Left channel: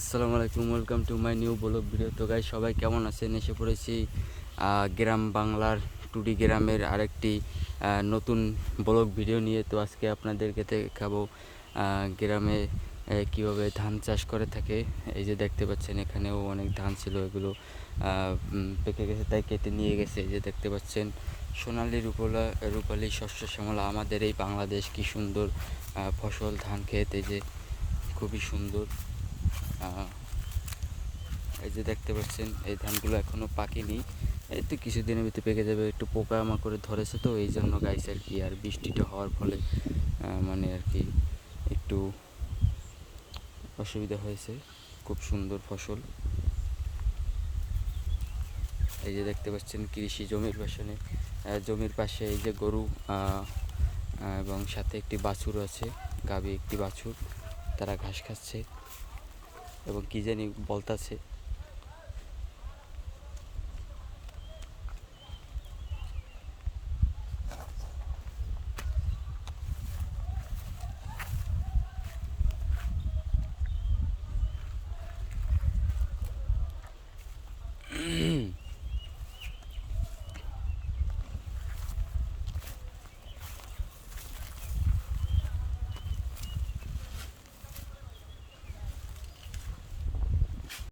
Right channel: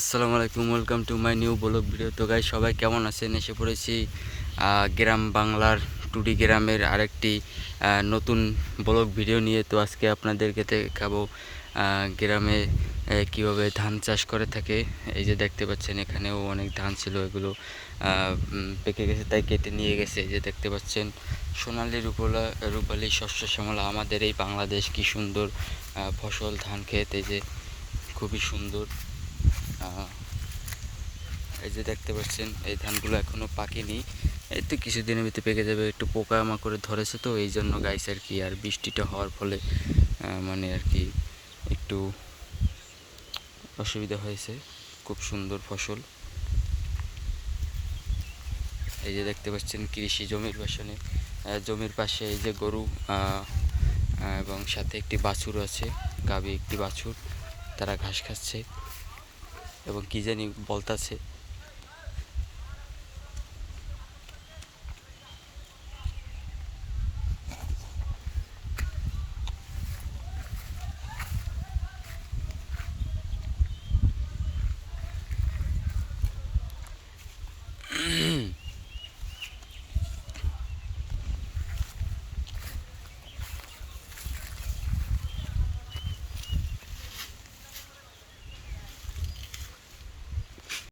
আসসালামু আলাইকুম welcome to my new blog video তো গাইস, সবাই কেমন আছেন? এসে পড়েছি গ্রাম বাংলার টুডি গ্রামের আরেকটি নতুন ব্লগ ভিডিও নিয়ে। তো আজকে আপনাদেরকে দেখাবো গ্রামে কীভাবে ধান চাষ করে থাকে। এই যে দেখতে পাচ্ছেন, এখানেও অনেক ধান ছিল, এগুলো পেকে গেছে, তাই কেটে নিয়ে গেছে। এই যে দেখতে পাচ্ছেন, সোনালি রূপলা, রূপালী শস্য শ্যামলা, আমাদের এই বাংলাদেশ কি সুন্দর ফসল ধান ক্ষেত। এই যে খুবই সুন্দর। এই যে দেখতে পাচ্ছেন, এই ধানগুলো এখনও পাকেনি। এই তো কিছুদিনের ভিতরে পেকে যাবে, একটু পোকা মাকড়ে ধরেছে তো, এই জন্য গাইছে আর কি, আর বৃষ্টিটা হওয়ার ফলে মানে আর কি একটু অসুবিধা হয়েছে, খুব সুন্দর ফসল। এই যে দেখতে পাচ্ছেন, কৃষি জমির পাশে জমির পাশে এই যে গরু এবং সাথে একটি বাছুর আছে গাবি একটি বাছুর, তারা ঘাস খাচ্ছে। এবং কি জানি বলতাছে।